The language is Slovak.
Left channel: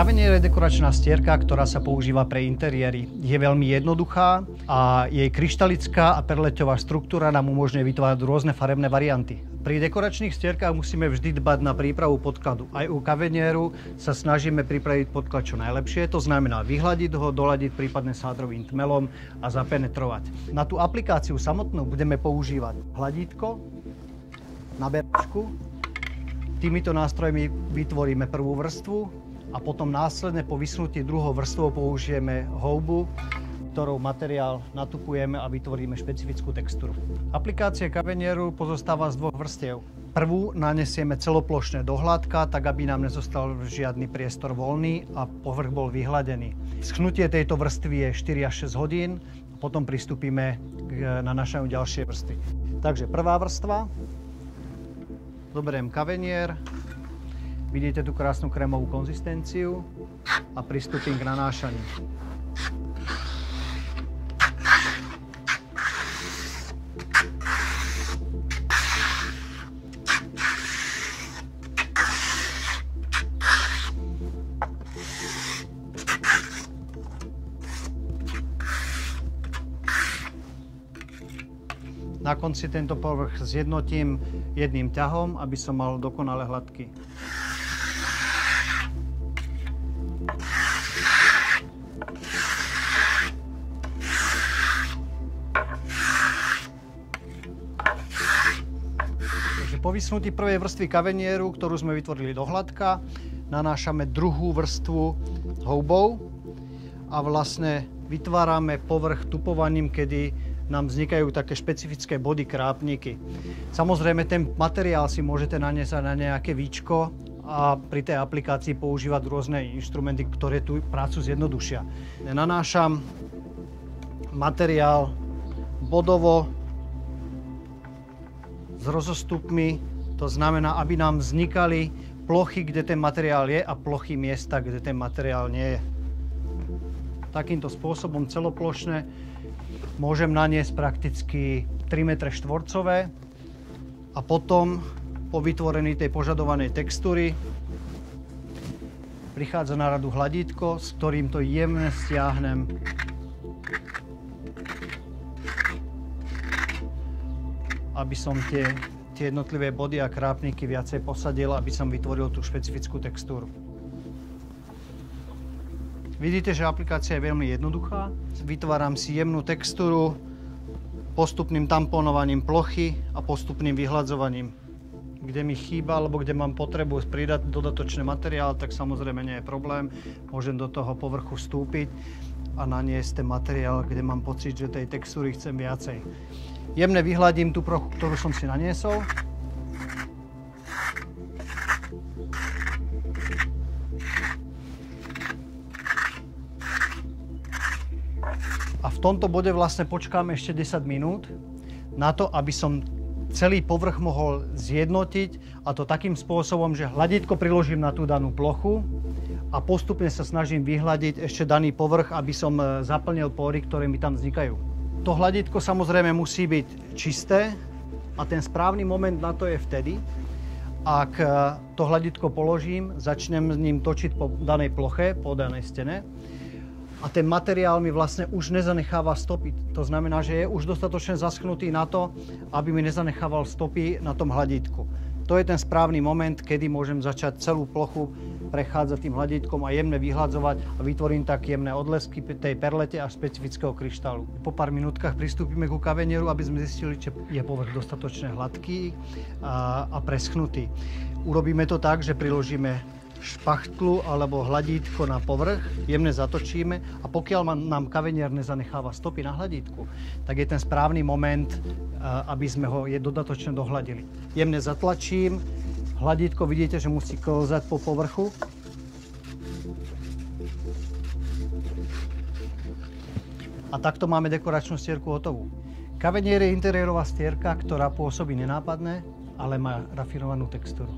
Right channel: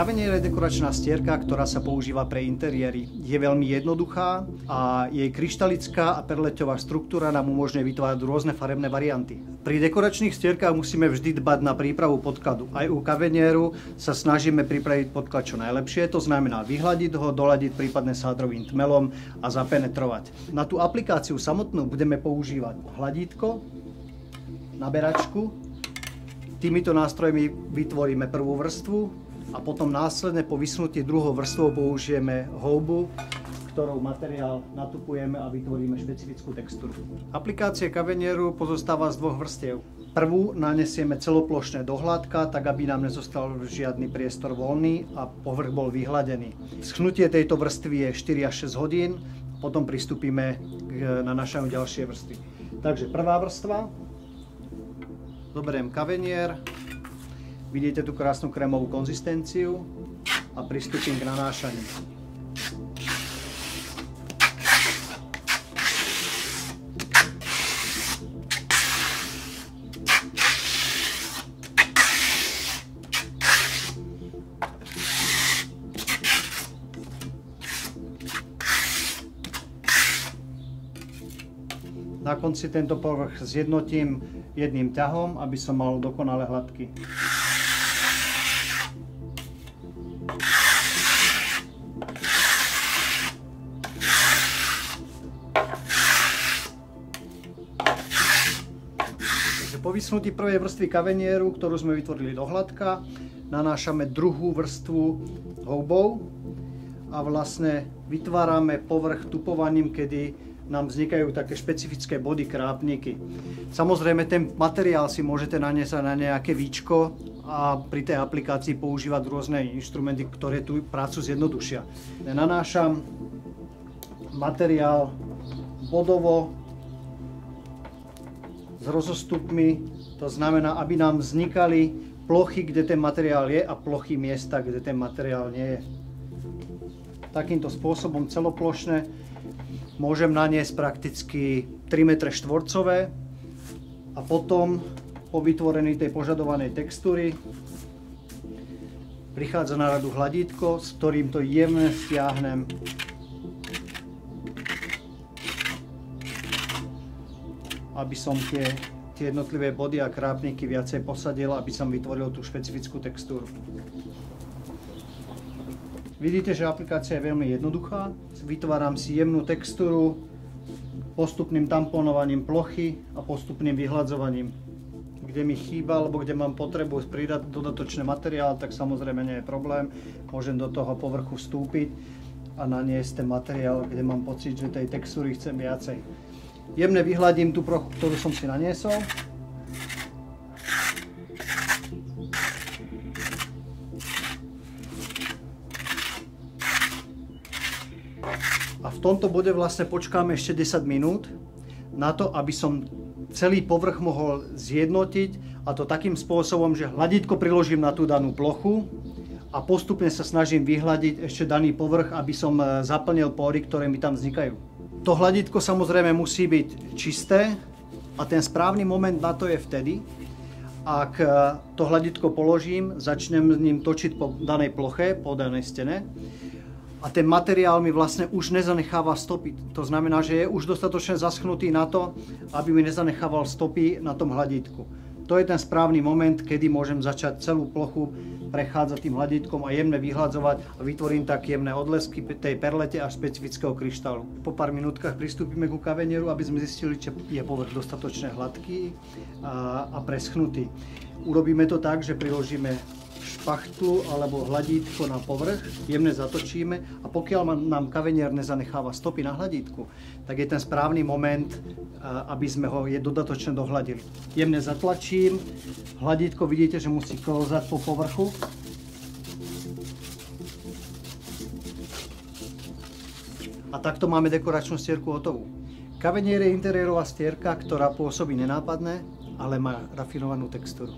Kavenier je dekoračná stierka, ktorá sa používa pre interiéry. Je veľmi jednoduchá a jej kryštalická a perleťová štruktúra nám umožňuje vytvárať rôzne farebné varianty. Pri dekoračných stierkách musíme vždy dbať na prípravu podkladu. Aj u Kavenieru sa snažíme pripraviť podklad čo najlepšie, to znamená vyhladiť ho, doladiť prípadne sádrovým tmelom a zapenetrovať. Na tú aplikáciu samotnú budeme používať hladítko, naberačku. Týmito nástrojmi vytvoríme prvú vrstvu a potom následne po vysunutí druhou vrstvou použijeme houbu, ktorou materiál natupujeme a vytvoríme špecifickú textúru. Aplikácia Kavenieru pozostáva z dvoch vrstiev. Prvú nanesieme celoplošne do hladka, tak aby nám nezostal žiadny priestor voľný a povrch bol vyhladený. Schnutie tejto vrstvy je 4 až 6 hodín, potom pristúpime k nanášaniu ďalšej vrstvy. Takže prvá vrstva, zoberiem Kavenier, vidíte tú krásnu krémovú konzistenciu a pristúpim k nanášaniu. Na konci tento povrch zjednotím jedným ťahom, aby som mal dokonale hladký. Po vysunutí prvej vrstvy Kavenieru, ktorú sme vytvorili do hladka, nanášame druhú vrstvu houbou a vlastne vytvárame povrch tupovaním, kedy nám vznikajú také špecifické body, krápniky. Samozrejme, ten materiál si môžete naniesť na nejaké víčko a pri tej aplikácii používať rôzne inštrumenty, ktoré tú prácu zjednodušia. Nanášam materiál bodovo s rozostupmi, to znamená, aby nám vznikali plochy, kde ten materiál je a plochy miesta, kde ten materiál nie je. Takýmto spôsobom celoplošne môžem naniesť prakticky 3 m štvorcové a potom po vytvorení tej požadovanej textúry prichádza na radu hladítko, s ktorým to jemne stiahnem aby som tie jednotlivé body a krápniky viacej posadil, aby som vytvoril tú špecifickú textúru. Vidíte, že aplikácia je veľmi jednoduchá. Vytváram si jemnú textúru postupným tamponovaním plochy a postupným vyhladzovaním. Kde mi chýba, alebo kde mám potrebu pridať dodatočný materiál, tak samozrejme nie je problém. Môžem do toho povrchu vstúpiť a naniesť ten materiál, kde mám pocit, že tej textúry chcem viacej. Jemne vyhladím tú plochu, ktorú som si naniesol. A v tomto bode vlastne počkáme ešte 10 minút na to, aby som celý povrch mohol zjednotiť, a to takým spôsobom, že hladítko priložím na tú danú plochu a postupne sa snažím vyhladiť ešte daný povrch, aby som zaplnil pory, ktoré mi tam vznikajú. To hladítko samozrejme musí byť čisté a ten správny moment na to je vtedy, ak to hladítko položím, začnem s ním točiť po danej ploche, po danej stene a ten materiál mi vlastne už nezanecháva stopy. To znamená, že je už dostatočne zaschnutý na to, aby mi nezanechával stopy na tom hladítku. To je ten správny moment, kedy môžem začať celú plochu prechádzať tým hladítkom a jemne vyhladzovať a vytvorím tak jemné odlesky tej perlete a špecifického kryštálu. Po pár minútkach pristúpime ku Kavenieru, aby sme zistili, či je povrch dostatočne hladký a preschnutý. Urobíme to tak, že priložíme špachtlu alebo hladítko na povrch, jemne zatočíme a pokiaľ nám Kavenier nezanecháva stopy na hladítku, tak je ten správny moment, aby sme ho dodatočne dohladili. Jemne zatlačím, hladítko vidíte, že musí klzať po povrchu. A takto máme dekoračnú stierku hotovú. Kavenier je interiérová stierka, ktorá pôsobí nenápadne, ale má rafinovanú textúru.